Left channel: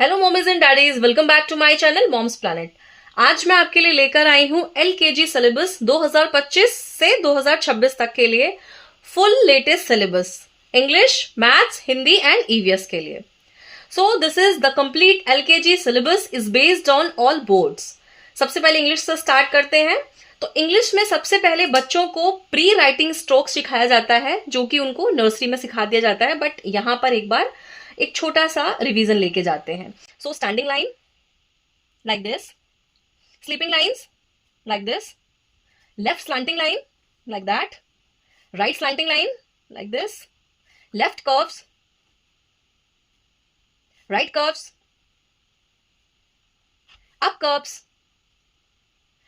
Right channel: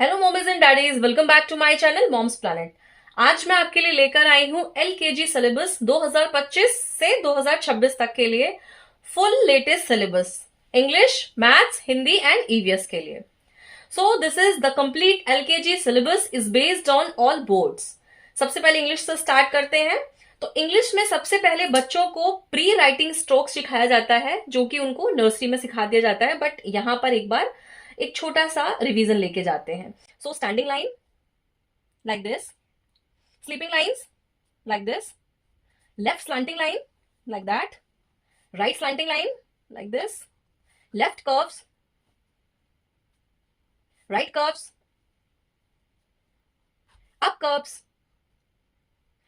Hello mommies and daddies, welcome back to my channel Moms Planet. आज मैं आपके लिए लेकर आई हूं एलकेजी सिलेबस 2025 से 2026 तक के लिए full latest syllabus English, maths, Hindi and EVS के लिए। सो this is the complete LKG syllabus is based on all boards. सबसे पहले इंग्लिश से स्टार्ट करते हैं। तो इंग्लिश में सबसे पहले बच्चों को प्री राइटिंग स्ट्रोक सिखाया जाता है, जो कि उनको नर्सरी में सिखा दिया जाता है, बट यहां पर एक बार एक छोटा सा रिवीजन लेके जाते हैं। So standing line like this, sleeping lines like this, left slanting line like that, right slanting line like this, left curves, right curves, up curves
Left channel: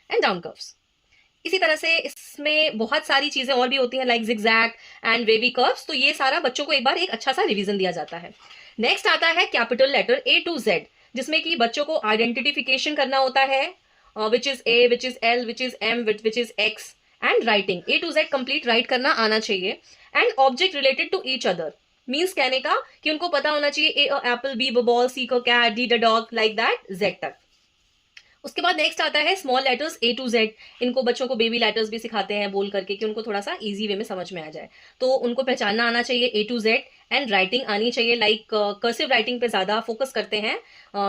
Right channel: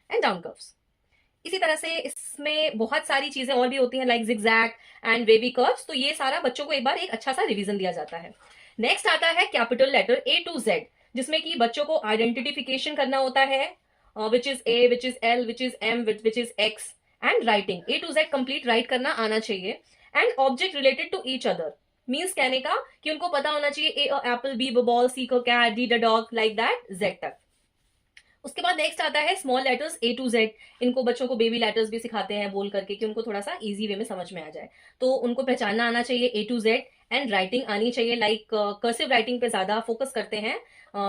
and down curves. इसी तरह से इसमें बहुत सारी चीजें और भी होती हैं like zigzag and wavy curves. तो ये सारा बच्चों को एक बार एक अच्छा सा रिवीजन दिया जाता है। नेक्स्ट आता है capital letter A to Z, जिसमें कि बच्चों को आइडेंटिफिकेशन करना होता है, which is A, which is L, which is M, which is X, and writing A to Z complete write करना आना चाहिए। And object related to each other means कहने का कि उनको पता होना चाहिए A apple, B ball, C को cat, D the dog, like that Z तक। उसके बाद नेक्स्ट आता है small letters A to Z. इनको बच्चों को बेबी लेटर्स भी सिखाते हैं बोल करके कि उनको थोड़ा सा इजी वे में समझ में आ जाए। तो उनको पहचानना आना चाहिए ए टू जेड, एंड राइटिंग आनी चाहिए लाइक कर्सिव राइटिंग पे ज्यादा फोकस करते हैं,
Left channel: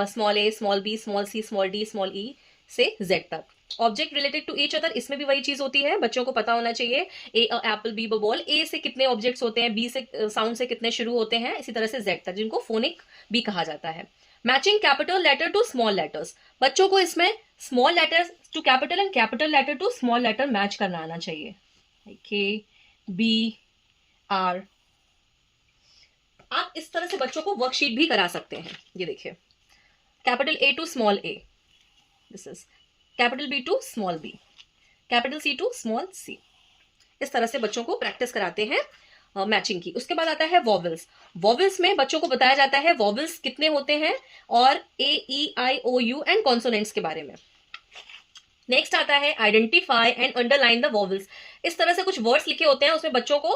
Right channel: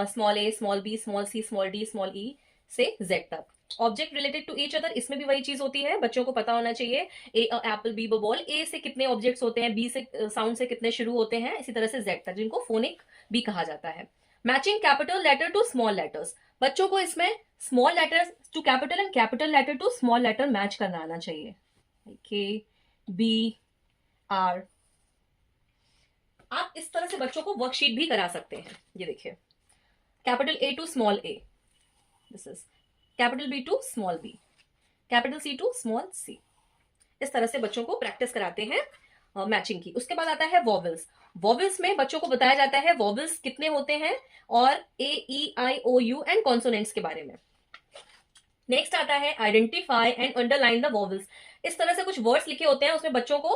small A, small B, small C, small D, small E से जेड तक। Object related to each other, इसमें भी वही चीज होती है, बच्चों को पता होना चाहिए ए एप्पल, बी बॉल, ए से कितने ऑब्जेक्ट्स होते हैं, बी से साउंड से कितने शुरू होते हैं, इसी तरह से जेड तक, जिनको फोनिक भी कहा जाता है। Matching capital letter to small letters, बच्चों को इसमें small letter to capital and capital letter to small letter match करना आना चाहिए, के, बी, आर। आप इस तरह से बच्चों को वर्कशीट भी करा सकते हैं। ये देखिए, capital A to small A, this is capital B to small B, capital C to small C. इस तरह से बच्चों को प्रैक्टिस कराते हैं मैचिंग की। उसके बाद आता है वॉवल्स। वॉवल्स में बच्चों को बताया जाता है वॉवल्स कितने होते हैं, और ए, ई, आई, ओ, यू एंड कॉन्सोनेंट्स के बारे में। नेक्स्ट आता है identify and underline the vowels. इस तरह से कुछ वर्ड्स लिखे होते हैं, उसमें बच्चों को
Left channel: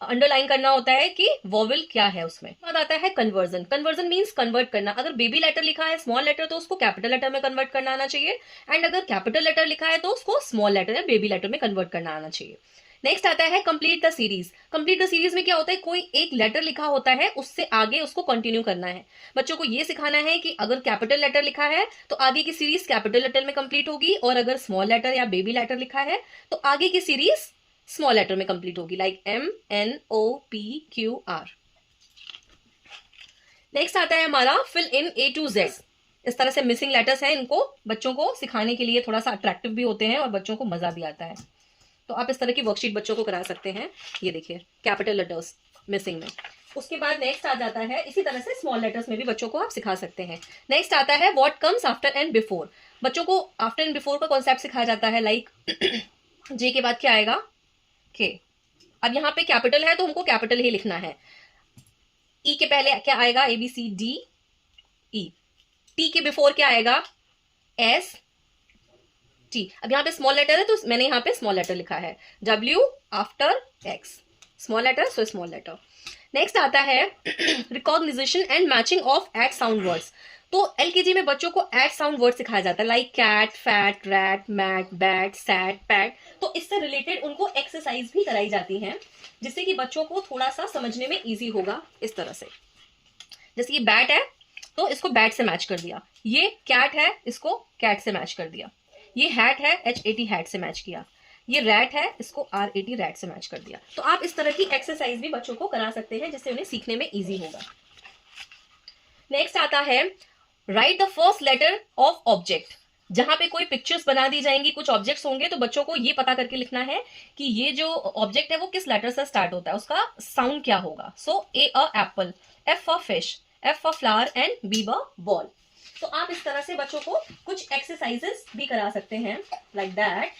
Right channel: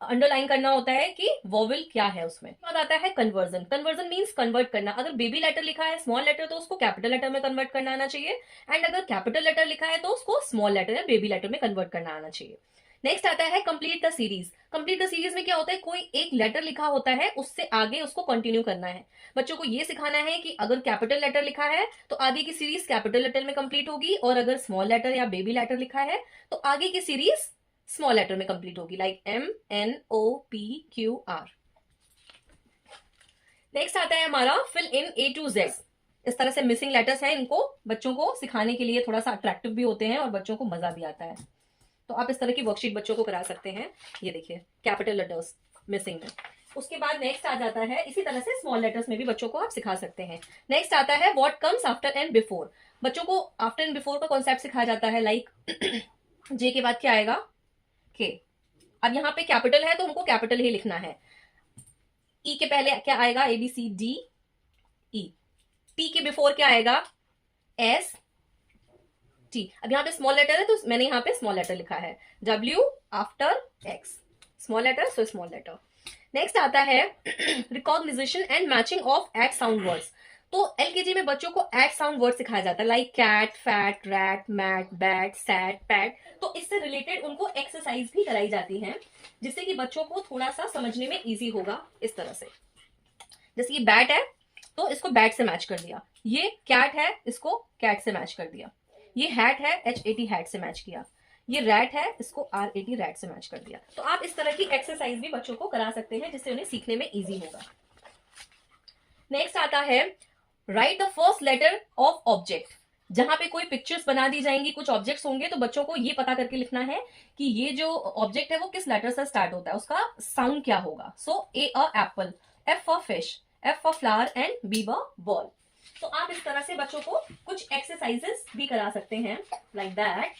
अंडरलाइन करना होता है कि वॉवल क्या है उसमें। बाद आता है कन्वर्जन। कन्वर्जन मीन्स कन्वर्ट करना। अगर बेबी लेटर लिखा है स्मॉल लेटर, तो उसको कैपिटल लेटर में कन्वर्ट करना आना चाहिए, एंड अगर कैपिटल लेटर लिखा है तो उसको स्मॉल लेटर या बेबी लेटर में कन्वर्ट करना आना चाहिए। नेक्स्ट आता है complete the series. Complete the series में क्या होता है, कोई एक लेटर लिखा होता है, उससे आगे उसको कंटिन्यू करना है। बच्चों को ये सिखाना है कि अगर कैपिटल लेटर लिखा है तो आगे की सीरीज कैपिटल लेटर में कंप्लीट होगी, और अगर स्मॉल लेटर या बेबी लेटर लिखा है तो आगे की सीरीज स्मॉल लेटर में कंप्लीट होगी, like M, N, O, P, Q, R. Next आता है हमारा fill in A to Z. इस तरह से मिसिंग लेटर्स है, इनको बच्चों को सिखाने के लिए थोड़ा सा अट्रैक्टिव भी होते हैं और बच्चों को मजा भी आता है। तो आप इस तरह की वर्कशीट बच्चों को करा सकते हैं। ये देखिए, कैपिटल लेटर्स मिसिंग में। उसके बाद नेक्स्ट आ जाता है, इसी तरह से स्मॉल लेटर्स में भी बच्चों को आप सिखा सकते हैं। नेक्स्ट आता है what comes after and before. बच्चों को आफ्टर एंड बिफोर का कॉन्सेप्ट सिखाया जाता है, लाइक जे के बाद क्या आएगा, के। अब यहाँ पे कैपिटल है तो हमको कैपिटल ही लिखना है। ई के पहले क्या आएगा, A B C D E. T के बिफोर क्या आएगा, एस टी। अब यहाँ पे स्मॉल लेटर है तो मैंने यहाँ पे स्मॉल लेटर लिखा है, W after X, small letter so small letter. Next आता है recognition and matching of at sound words. तो एलकेजी में बच्चों को एट साउंड वर्ड सिखाया जाता है, like cat, fat, rat, mat, bat, sat, pat. तो इससे रिलेटेड उनको एक्सरसाइज भी कराई जाती है, जिससे कि बच्चों को थोड़ा सा समझने में इजी होगा। इस तरह से, जैसे ये बैट है तो इसको बैट से मैच कर दिया, ये कैट है इसको कैट से मैच कर दिया, ये हैट है HAT हैट से मैच किया, ये रैट है इसको RAT रैट से मैच कर दिया। तो आप इस तरह की एक्सरसाइज भी बच्चों को करा सकते हैं, जिससे उन्हें सीखने में इजी होगा। नेक्स्ट आता है write the first letter of object. जहां पे कोई पिक्चर्स बना दी जाएंगी, कुछ ऑब्जेक्ट्स होंगे, तो बच्चों को ये पता करके लिखना है कि ये जो ऑब्जेक्ट है वो किस लेटर से स्टार्ट होता है, उसका साउंड क्या होगा। So A apple, F for fish, F for flower and B ball. तो आप इस तरह से बच्चों को कुछ एक्सरसाइजेस भी करा सकते हैं, like that.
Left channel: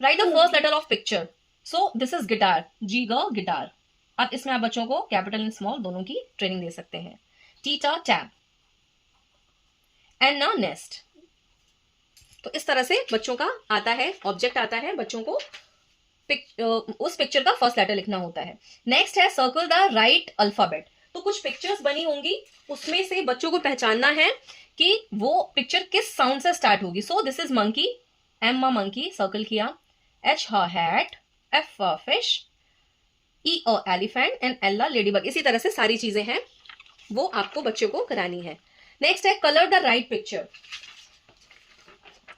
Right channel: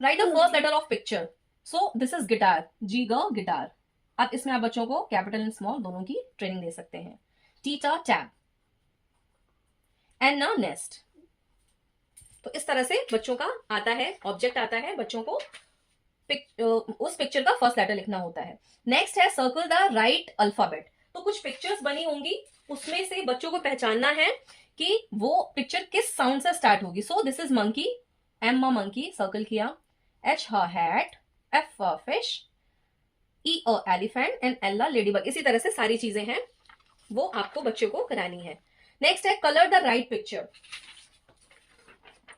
Write the first letter of picture. So this is guitar, G guitar. अब इसमें आप बच्चों को कैपिटल एंड स्मॉल दोनों की ट्रेनिंग दे सकते हैं। Theta tab, and nest. तो इस तरह से बच्चों का आता है, ऑब्जेक्ट आता है, बच्चों को उस पिक्चर का फर्स्ट लेटर लिखना होता है। नेक्स्ट है सर्कल द राइट अल्फाबेट। तो कुछ पिक्चर्स बनी होंगी, उसमें से बच्चों को पहचानना है कि वो पिक्चर किस साउंड से स्टार्ट होगी। So this is monkey, M monkey circle किया, H hat, F fish, E elephant and L ladybug. इसी तरह से सारी चीजें हैं, वो आपको बच्चे को करानी है। नेक्स्ट है कलर द राइट पिक्चर।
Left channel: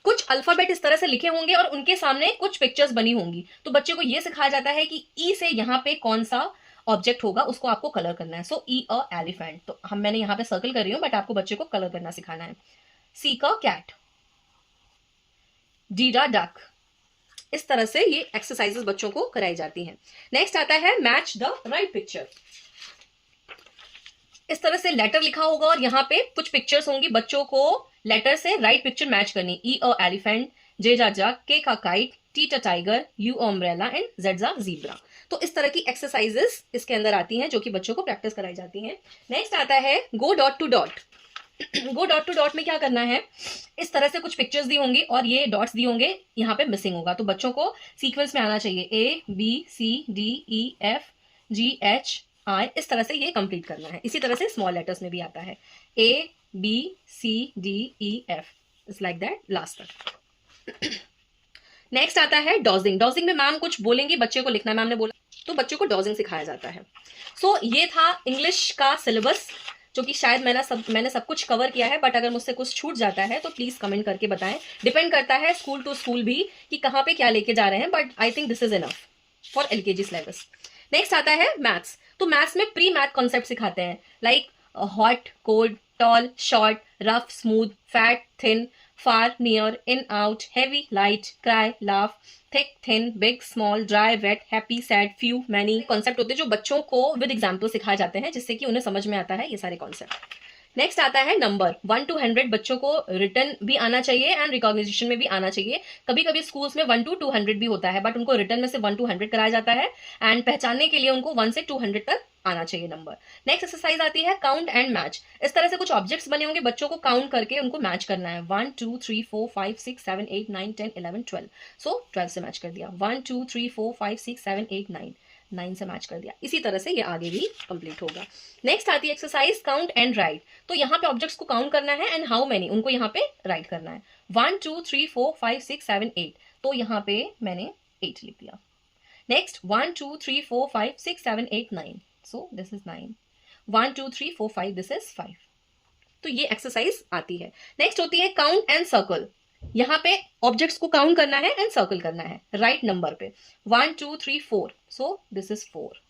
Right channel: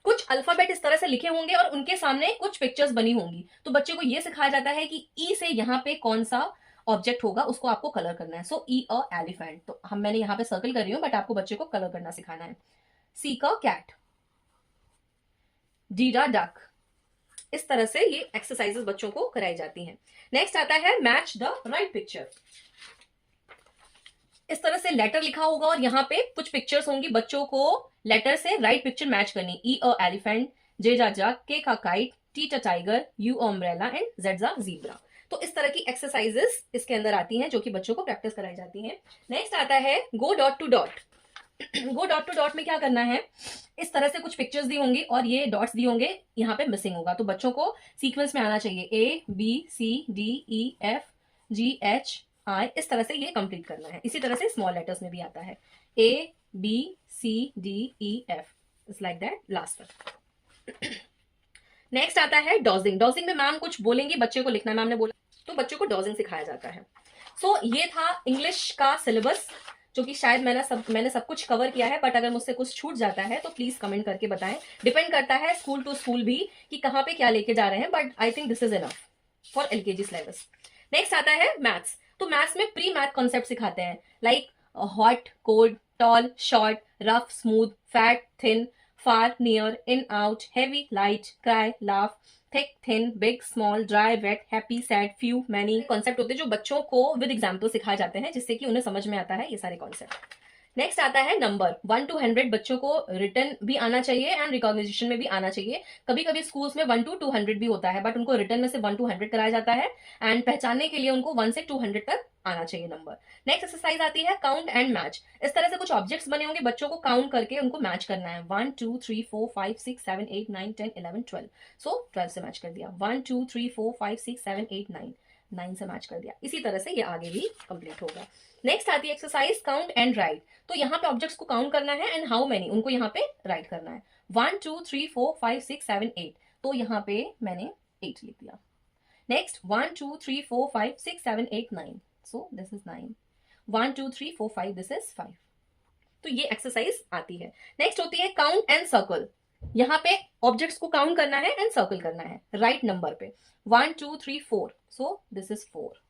कुछ अल्फाबेट इस तरह से लिखे होंगे और उनके सामने कुछ पिक्चर्स बनी होंगी, तो बच्चे को यह सिखाया जाता है कि ई से यहाँ पे कौन सा ऑब्जेक्ट होगा, उसको आपको कलर करना है। सो ई एलिफेंट, तो मैंने यहाँ पे सर्कल कर रही हूँ, बट आपको बच्चे को कलर करना सिखाना है। सी का कैट, डी डक। इस तरह से ये एक्सरसाइजेस बच्चों को कराई जाती हैं। नेक्स्ट आता है मैच द राइट पिक्चर। इस तरह से लेटर लिखा होगा और यहाँ पे कुछ पिक्चर्स होंगी, बच्चों को लेटर से राइट पिक्चर मैच करनी। ई एलिफेंट, जे जग, के का kite, T tiger, you umbrella and Z zebra. तो इस तरह की एक्सरसाइजेस इसके अंदर आती हैं जो कि बच्चों को प्रैक्टिस कराई जाती हैं। नेक्स्ट आता है go dot to dot. Go dot to dot में क्या करना है, इस तरह से कुछ पिक्चर्स दी होंगी और ये डॉट्स दिए होंगे, यहाँ पे मिसिंग होगा, तो बच्चों को सीक्वेंस में आना चाहिए। A B C D E F G H I, इस तरह से ये कंप्लीट करना है। इसी तरह से स्मॉल लेटर्स में भी आता है, A B C D E F, it's like that last तक। नेक्स्ट आता है डॉजिंग। डॉजिंग में मैम कुछ बोलेंगी, बच्चे को लिखना है, मैम ने बोला, तो बच्चों को डॉजिंग सिखाया जाता है। सो ये था इंग्लिश का सिलेबस, जो कि शायद मैंने सब कुछ कवर किया है, बट अगर मुझसे कुछ छूट जाता है तो प्लीज कमेंट करके बताएं। डिपेंड करता है स्कूल टू स्कूल भी कि कहाँ पे क्या लेके जा रहे हैं, but I think this is enough for LKG syllabus. Next आता है मैथ्स। तो मैथ्स में प्री मैथ कॉन्सेप्ट सिखाते हैं, like hot, cold, tall, short, rough, smooth, fat, thin, far, near, in, out, heavy, light, cry, laugh, thick, thin, big, small, dry, wet, happy, sad, few, many. Concept होते हैं जो बच्चों को with example सिखाए जाते हैं, जिससे कि उन्हें समझ में आता है ये सारे कॉन्सेप्ट। नेक्स्ट आता है नंबर 1 to 100। बच्चों को रिटर्न भी आना चाहिए एंड रिकॉग्निशन में भी आना चाहिए। कभी कभी स्कूल्स में 1 to 200 भी होता है, बट उनको रिटर्न में से 1 to 100 कराया जाता है, एंड पहचानने के लिए उनको 1 से 200 तक आना चाहिए नंबर। नेक्स्ट एक्सरसाइज आती है काउंट एंड मैच। इस तरह से कुछ ऑब्जेक्ट्स बने होंगे, बच्चों को काउंट करके उनको मैच करना है। 1 2 3 4 5 6 7 8 9 10 11 12। सो 12 से मैच कर दिया। 1 2 3 4 5 6 7 8 9 से मैच कर दिया। इसी तरह से ये आगे भी कंप्लीट होगा। नेक्स्ट आती है एक्सरसाइज काउंट एंड राइट। तो यहाँ पे ऑब्जेक्ट्स को काउंट करना है एंड हाउ मेनी, उनको यहाँ पे राइट करना है। 1 2 3 4 5 6 7 8, तो यहाँ पे मैंने 8 लिख दिया। Next 1 2 3 4 5 6 7 8 9, so this is 9। 1 2 3 4 5, this is 5। तो ये एक्सरसाइज आती है। नेक्स्ट होती है काउंट एंड सर्कल। यहाँ पे ऑब्जेक्ट्स को काउंट करना है एंड सर्कल करना है राइट नंबर पे। 1 2 3 4, सो दिस इज 4।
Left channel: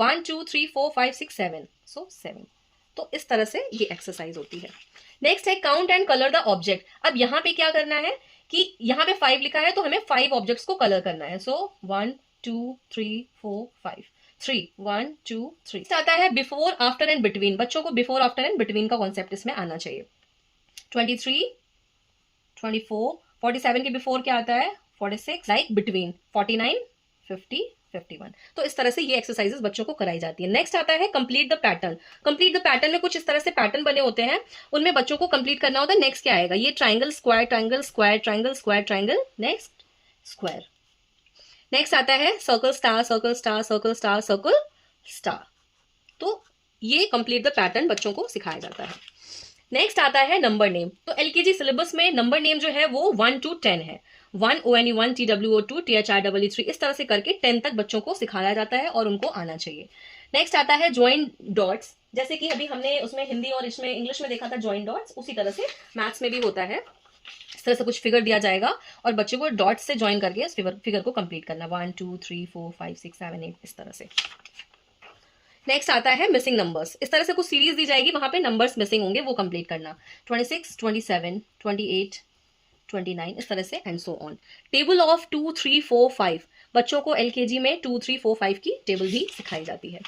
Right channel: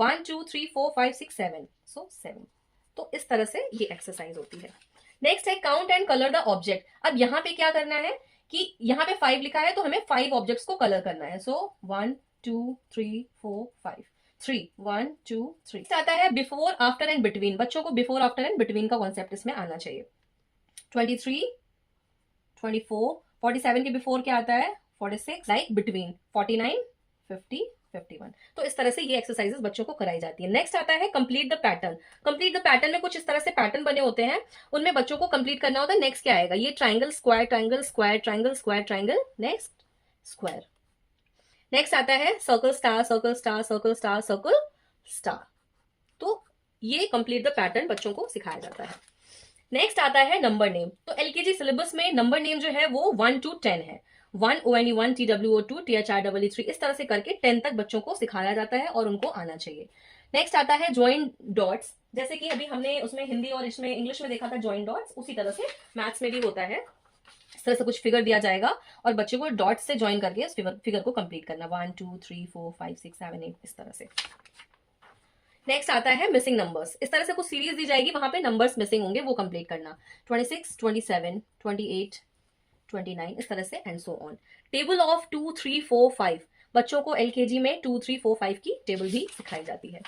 1 2 3 4 5 6 7, सो 7। तो इस तरह से ये एक्सरसाइज होती है। नेक्स्ट है count and colour the object. अब यहाँ पे क्या करना है कि यहाँ पे 5 लिखा है, तो हमें 5 ऑब्जेक्ट्स को कलर करना है। सो 1 2 3 4 5, 3 1 2 3। आता है बिफोर, आफ्टर एंड बिटवीन। बच्चों को बिफोर, आफ्टर एंड बिटवीन का कॉन्सेप्ट इसमें आना चाहिए। 23 24, 47 के बिफोर क्या आता है 46, लाइक बिटवीन 49 50 51। तो इस तरह से ये एक्सरसाइजेस बच्चों को कराई जाती है। नेक्स्ट आता है complete the pattern. Complete the pattern में कुछ इस तरह से पैटर्न बने होते हैं, उनमें बच्चों को कंप्लीट करना होता है। नेक्स्ट क्या आएगा, ये triangle square, triangle square, triangle square, triangle, next square. Next आता है circle star, circle star, circle star, circle star. तो ये कंप्लीट द पैटर्न बच्चों को सिखाया जाता है। नेक्स्ट आता है नंबर नेम। तो एलकेजी सिलेबस में नंबर नेम जो है वो 1 to 10 है। 1 ONE 1, TWO 2, THIEE 3, इस तरह से करके 10 तक बच्चों को सिखाया जाता है और उनको आना चाहिए। नेक्स्ट आता है ज्वाइन डॉट्स। जैसे कि अभी हमने उसमें हिंदी और इसमें इंग्लिश में देखा था ज्वाइन डॉट्स, उसी तरह से मैथ्स में भी होता है। इस तरह से कुछ फिगर दिया जाएगा और बच्चे को डॉट्स से ज्वाइन करके इस फिगर को कंप्लीट करना। 1 2 3 4 5 6 7 8, इस तरह से। नेक्स्ट आता है मिसिंग नंबर्स। इस तरह से कुछ सीरीज दी जाएगी, वहां पे नंबर्स मिसिंग होंगे, वो कंप्लीट करना। 26 27 28 29, इस तरह से and so on. Table of 2 3 4 5। बच्चों को एलकेजी में 2 3 4 5 की टेबल भी सिखाई जाती है।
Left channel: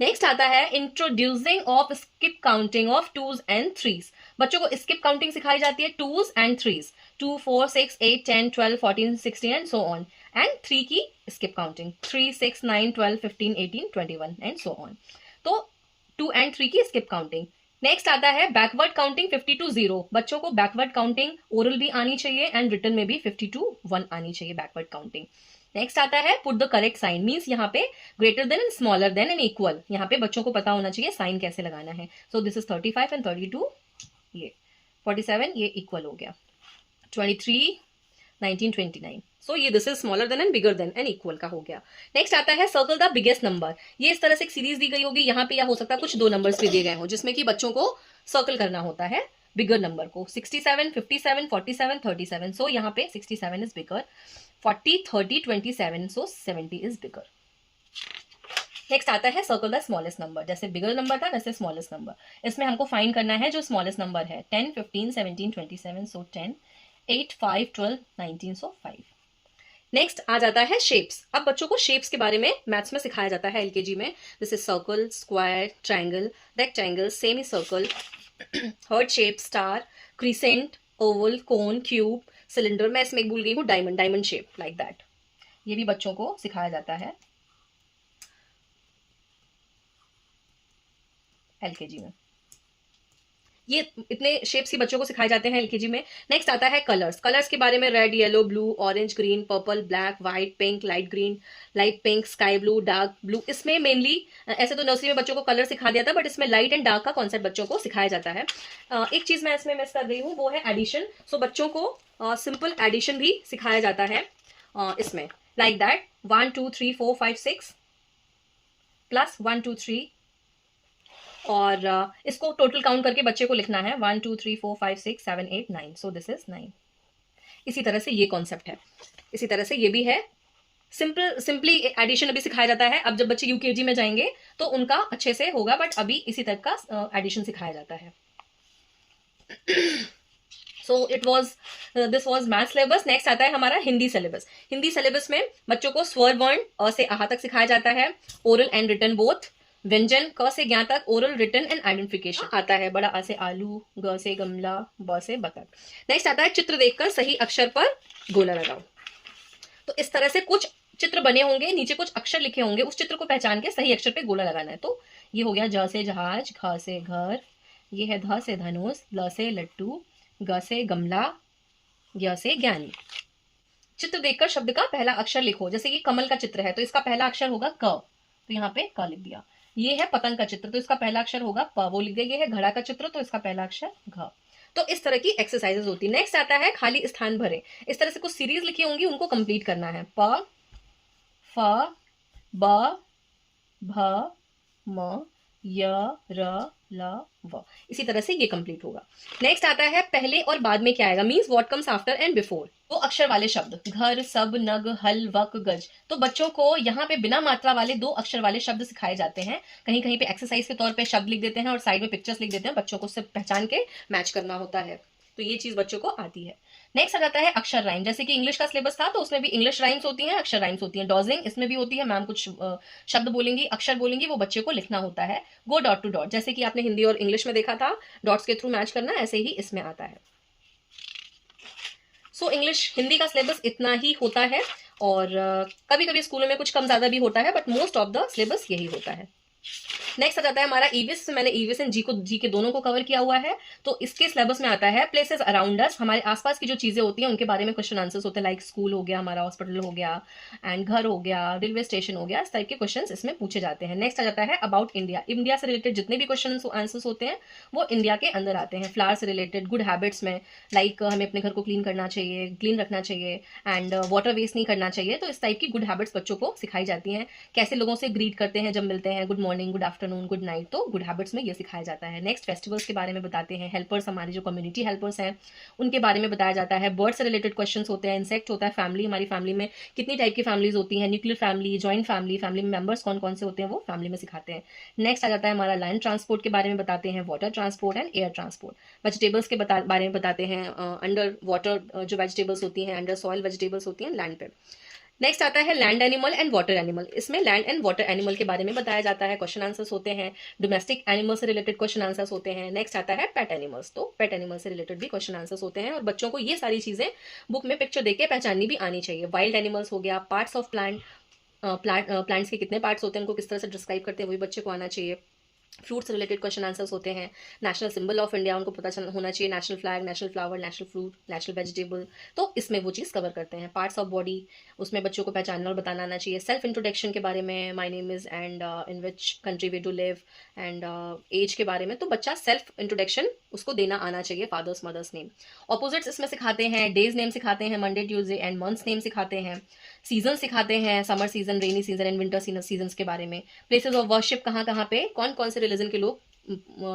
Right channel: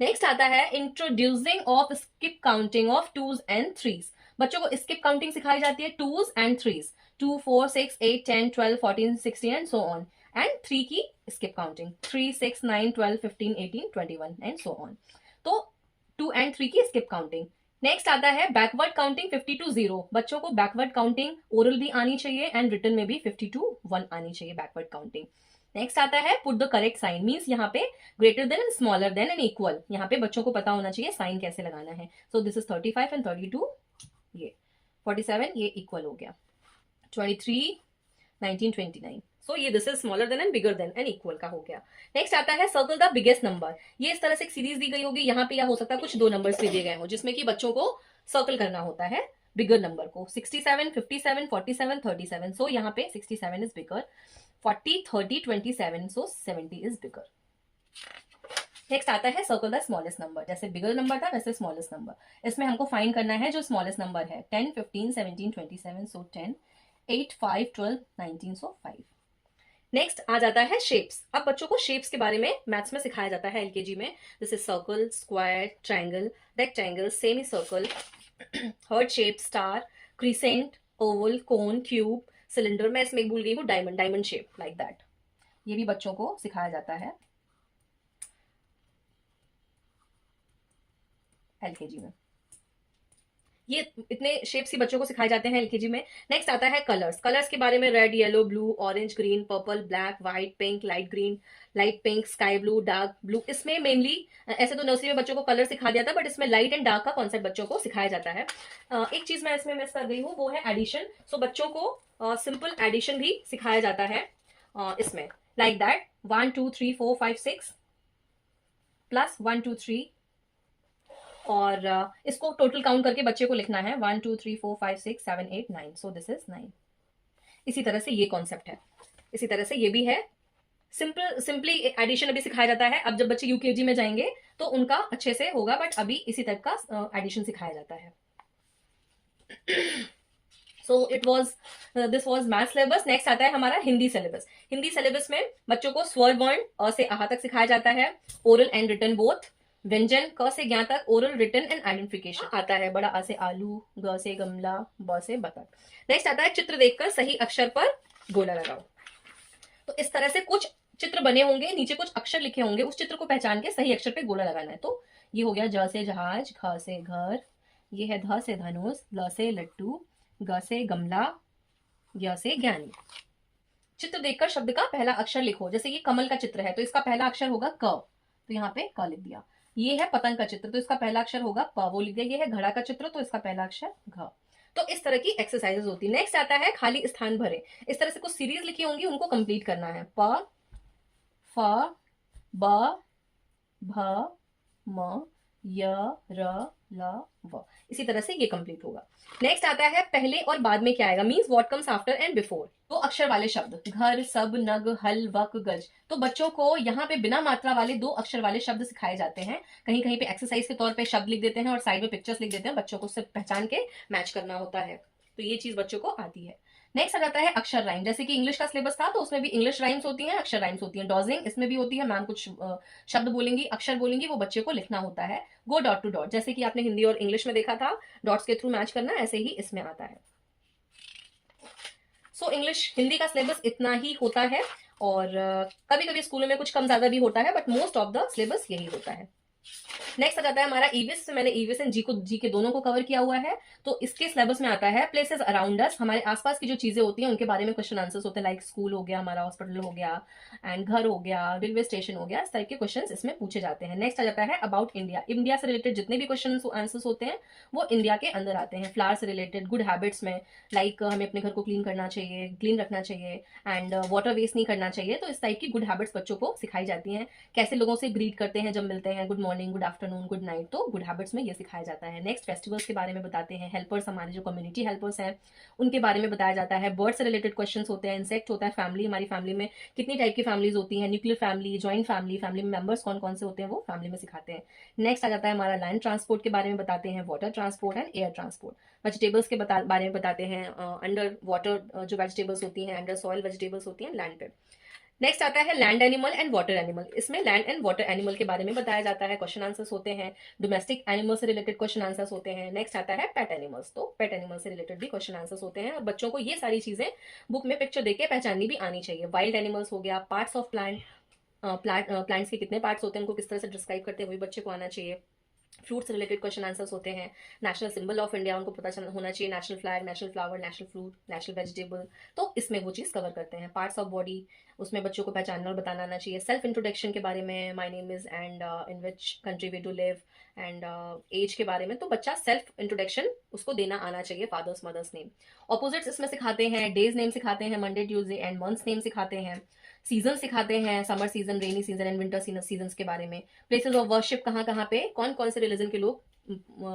नेक्स्ट आता है introducing of skip counting of 2s and 3s। बच्चों को स्किप काउंटिंग सिखाई जाती है 2s and 3s, 2 4 6 8 10 12 14 16 and so on, and 3 की skip counting 3 6 9 12 15 18 21 and so on. तो 2 and 3 की स्किप काउंटिंग। नेक्स्ट आता है बैकवर्ड काउंटिंग 50 to 0। बच्चों को बैकवर्ड काउंटिंग ओरल भी आनी चाहिए एंड रिटन में भी 50 to 1 आनी चाहिए बैकवर्ड काउंटिंग। नेक्स्ट आता है put the correct sign, means यहाँ पे greater than and smaller than and equal, यहाँ पे बच्चों को पता होना चाहिए साइन कैसे लगाना है. सो दिस इज 35 एंड 32, ये 47, ये इक्वल हो गया. 23, 19, 29. सो ये this is smaller than and bigger than and equal का हो गया. नेक्स्ट आता है सर्कल द बिगेस्ट नंबर. ये इस तरह से एक सीरीज दी गई होगी, यहाँ पे या हो सकता है कुछ दो नंबर्स भी दिए गए हो जिसमें कि बच्चों को सर्कल करना होता है बिगर नंबर को. 67, 57, 47, 37. सो यहाँ पे 67 is bigger, 40, 30, 27. So 70 is bigger. Next आता है सर्कल द स्मॉलेस्ट नंबर. जैसे बिगर नंबर था वैसे स्मॉलेस्ट नंबर. इसमें हमको फाइंड करना है जो स्मॉलेस्ट नंबर है. 10, 15, 17, 27. सो 10, 8, 5, 12, 19. सो 5. नेक्स्ट आ जाता है शेप्स. अब बच्चों को शेप्स के बारे में मैथ्स में सिखाया जाता है एलकेजी में. This is circle, square, triangle, rectangle, semi circle, heart shape, star, crescent, Oval, cone, cube, cylinder. मैं इसमें भूल गई हूँ diamond, diamond shape like that. ये भी बच्चों को सिखाया जाता है एलकेजी में. ये इतने शेप्स ही बच्चों को सिखाए जाते हैं एलकेजी में. नेक्स्ट आता है कलर्स. कलर्स के बारे में red, yellow, blue, orange, green, purple, black, white, pink, light green, light pink, sky blue, dark blue. इसमें मेनली ऐसे तो नर्सरी में बच्चों को कलर सिखा दिया था, बट इसमें लाइट एंड डार्क का कॉन्सेप्ट बच्चों को सिखाया जाता है. एक चीज मैं इसमें मिस कर गई हूँ, वो है एडिशन. सो बच्चों को सिंपल एडिशन भी सिखाया जाता है इसमें, लाइक दैट 1 2 3 4 5 6 प्लस 1 2 3, और इसको टोटल काउंट करके बच्चे को लिखना है 1 2 3 4 5 6 7 8 9. सो दिस इज 9. इसी तरह से ये कॉन्सेप्ट है. इसी तरह से ये भी है. सिंपली एडिशन अभी सिखाया जाता है. अब जब बच्चे यूकेजी में जाएंगे तो उनका अच्छे से होगा, बट अभी इसी टाइप का एडिशन सिखाया जाता है. So this was math syllabus. Next आता है हमारा हिंदी सिलेबस. हिंदी सिलेबस में बच्चों को स्वर वर्ण अ से आहा तक सिखाया जाता है. Oral and written both. व्यंजन क से ज्ञ तक, ओरल, रिटन एंड आइडेंटिफिकेशन आता है. बड़ा आ से आलू, ग से गमला, ब से बतख. नेक्स्ट आता है चित्र देखकर सही अक्षर पर गोला लगाओ. तो इस तरह से कुछ चित्र बने होंगे, नीचे कुछ अक्षर लिखे होंगे, उस चित्र को पहचान के सही अक्षर पे गोला लगाना है. तो ये हो गया ज से जहाज, घ से घर, ये है ध से धनुष, ल से लट्टू, ग से गमला, य से ज्ञानी. चित्र देखकर शब्द का पहला अक्षर लिखो. जैसे ये कमल का चित्र है तो इसका पहला अक्षर होगा क, तो यहाँ पे क लिख दिया. ये है पतंग का चित्र तो इसका पहला अक्षर होगा प, वो लिख दिया. ये है घड़ा का चित्र तो इसका पहला अक्षर घ. तो इस तरह की एक्सरसाइजेस होती है. नेक्स्ट आता है खाली स्थान भरे. इस तरह से कुछ सीरीज लिखी होंगी, उनको कंप्लीट करना है. प, फ, ब, भ, म, य, र, ल, व. इसी तरह से ये कंप्लीट होगा. नेक्स्ट आता है पहले और बाद में क्या आएगा, means what comes after and before. दो अक्षर वाले शब्द घर, सब, नग, हल, वक, गज. तो बच्चों को यहाँ पे बिना मात्रा वाले दो अक्षर वाले शब्द सिखाए जाते हैं. कहीं कहीं पे एक्सरसाइज के तौर पे शब्द लिख देते हैं और साइड में पिक्चर्स लिख देते हैं. बच्चों को सिर्फ पहचान के मैच करना होता है. तो ये चीज बच्चों को आती है. नेक्स्ट आ जाता है अक्षर राइम. जैसे कि इंग्लिश का सिलेबस था तो उसमें भी इंग्लिश राइम्स होती हैं, अक्षर राइम्स होती हैं. डॉजिंग इसमें भी होती है. मैम कुछ शब्द बोलेंगी, अक्षर बोलेंगी, वो बच्चे को लिखना होता है. गो डॉट टू डॉट, जैसे कि आपने हिंदी और इंग्लिश में देखा था डॉट्स के थ्रू मैच करना, ऐसे ही इसमें आता है. सो इंग्लिश हिंदी का सिलेबस इतना ही होता है, और कभी कभी स्कूलों में कुछ कम ज्यादा भी होता है, but most of the syllabus यही होता है. नेक्स्ट आ जाता है हमारा ईवीएस. मैंने ईवीएस एंड जी के दोनों को कवर किया हुआ है. तो इसके सिलेबस में आता है प्लेसेस अराउंड अस. हमारे आसपास की जो चीजें होती हैं उनके बारे में क्वेश्चन आंसर्स होते हैं. लाइक स्कूल हो गया, हमारा हॉस्पिटल हो गया, एंड घर हो गया, रेलवे स्टेशन हो गया. इस टाइप के क्वेश्चन इसमें पूछे जाते हैं. नेक्स्ट आ जाता है अबाउट इंडिया. इंडिया से रिलेटेड जितने भी क्वेश्चन आंसर्स होते हैं वो इंडिया के अंदर आते हैं. फ्लावर से रिलेटेड, गुड हैबिट्स में, लाइक हमें अपने घर को क्लीन करना चाहिए, क्लीन रखना चाहिए, एंड वाटर वेस्ट नहीं करना चाहिए. तो इस टाइप की गुड हैबिट्स बच्चों को सिखाई जाती हैं. कैसे लोगों से ग्रीट करते हैं जब मिलते हैं, good morning, good afternoon, good night. तो गुड हैबिट्स में ये सिखाया जाता है. नेक्स्ट फेस्टिवल्स के बारे में बताते हैं. हेल्पर्स, हमारे जो कम्युनिटी हेल्पर्स हैं उनके बारे में बताया जाता है. बर्ड से रिलेटेड क्वेश्चंस होते हैं. इंसेक्ट होता है. फैमिली, हमारी फैमिली में कितनी टाइप की फैमिलीज होती हैं, nuclear family, joint family, family में मेंबर्स कौन कौन से होते हैं वो फैमिली में सिखाते हैं. नेक्स्ट आ जाता है हमारा लैंड ट्रांसपोर्ट के बारे में बताते हैं. Water transport and air transport. Vegetables के बारे में बताते हैं. अंडर वाटर जो वेजिटेबल्स होती हैं, अंडर सॉइल वेजिटेबल्स होती हैं लैंड पे. नेक्स्ट आता है land animal and water animal. इसमें लैंड एंड वाटर एनिमल के बारे में बताया जाता है. क्वेश्चन आंसर्स होते हैं. डोमेस्टिक एनिमल से रिलेटेड क्वेश्चन आंसर्स होते हैं. नेक्स्ट आता है पेट एनिमल्स. तो पेट एनिमल से रिलेटेड भी क्वेश्चन आंसर्स होते हैं, और बच्चों को ये सारी चीजें बुक में पिक्चर देख के पहचाननी भी आनी चाहिए. वाइल्ड एनिमल्स हो गया, पार्ट्स ऑफ प्लांट्स के कितने पार्ट्स होते हैं, उनको किस तरह से डिस्क्राइब करते हैं, वही बच्चे को आना चाहिए. फ्रूट से रिलेटेड क्वेश्चन आंसर्स होते हैं, नेशनल सिंबल ऑफ इंडिया उनको पता होना चाहिए, national flag, national flower, national fruit, national vegetable, तो इसमें वो चीज़ कवर करते हैं। पार्ट्स ऑफ बॉडी, उसमें बच्चों को पहचानना और बताना आना चाहिए। सेल्फ इंट्रोडक्शन के बारे में, my name is and in which country we do live and age के बारे में, तो बच्चा सेल्फ इंट्रोडक्शन उसको देना आना चाहिए, फादर्स मदर्स नेम। ऑपोजिट्स इसमें सिखाते हैं, डेज नेम सिखाते हैं, Monday Tuesday and months name सिखाते हैं, सीजन सिखाते हैं, summer season, rainy season and winter season के बारे में। प्लेसेस ऑफ वर्शिप, कहाँ कहाँ पे कौन कौन से रिलीजन के लोग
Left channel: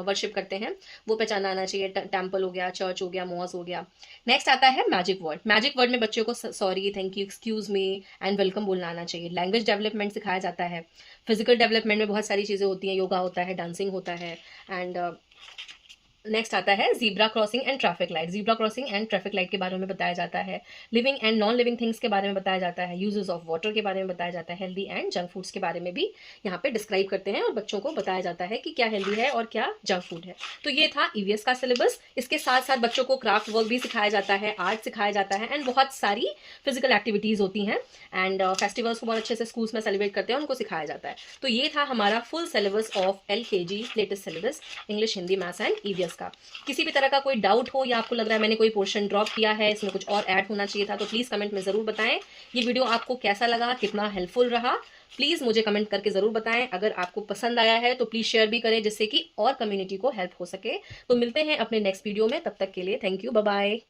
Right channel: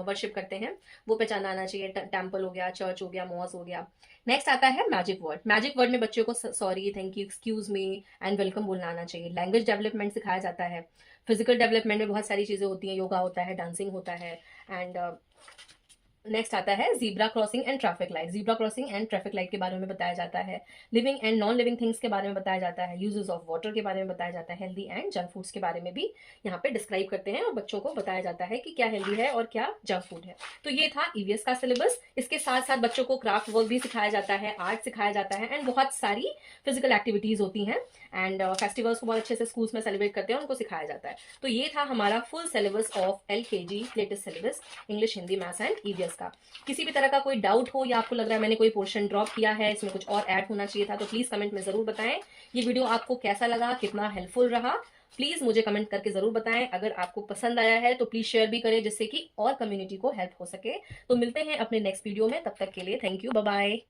वर्शिप करते हैं वो पहचाना आना चाहिए। टेम्पल हो गया, चर्च हो गया, मॉस हो गया। नेक्स्ट आता है मैजिक वर्ड। मैजिक वर्ड में बच्चों को sorry, thank you, excuse me and welcome बोलना आना चाहिए। लैंग्वेज डेवलपमेंट सिखाया जाता है। फिजिकल डेवलपमेंट में बहुत सारी चीज़ें होती हैं, योगा होता है, डांसिंग होता है। एंड नेक्स्ट आता है zebra crossing and traffic light. Zebra crossing and traffic light के बारे में बताया जाता है। Living and non living things के बारे में बताया जाता है। यूजेस ऑफ वाटर के बारे में बताया जाता है। हेल्दी एंड जंक फूड्स के बारे में भी यहाँ पे डिस्क्राइब करते हैं और बच्चों को बताया जाता है कि क्या हेल्दी है और क्या जंक फूड है। तो ये था ईवीएस का सिलेबस। इसके साथ साथ बच्चों को क्राफ्ट वर्क भी सिखाया जाता है, आर्ट सिखाया जाता है एंड बहुत सारी फिजिकल एक्टिविटीज़ होती हैं एंड फेस्टिवल्स को बहुत अच्छे से स्कूल्स में सेलिब्रेट करते हैं, उनको सिखाया जाता है। तो ये था हमारा full syllabus of LKG latest syllabus, English, Hindi, maths and EVS का। किसी भी तरह का कोई डाउट हो या आपको लग रहा है मैंने कोई पोर्शन ड्रॉप किया है, इसमें कुछ और ऐड होना चाहिए था, तो प्लीज़ कमेंट में ज़रूर बताएं। ये वीडियो आपको कैसा लगा, कितना हेल्पफुल रहा, प्लीज़ मुझे कमेंट करके ज़रूर बताएं। अगर आपको पसंद आया है तो प्लीज़ शेयर भी करें जिससे कि और कम्युनिटी को हेल्प हो सके। तो मिलते हैं अपने नेक्स्ट वीडियो में, तब तक के लिए थैंक यू, बाय बाय।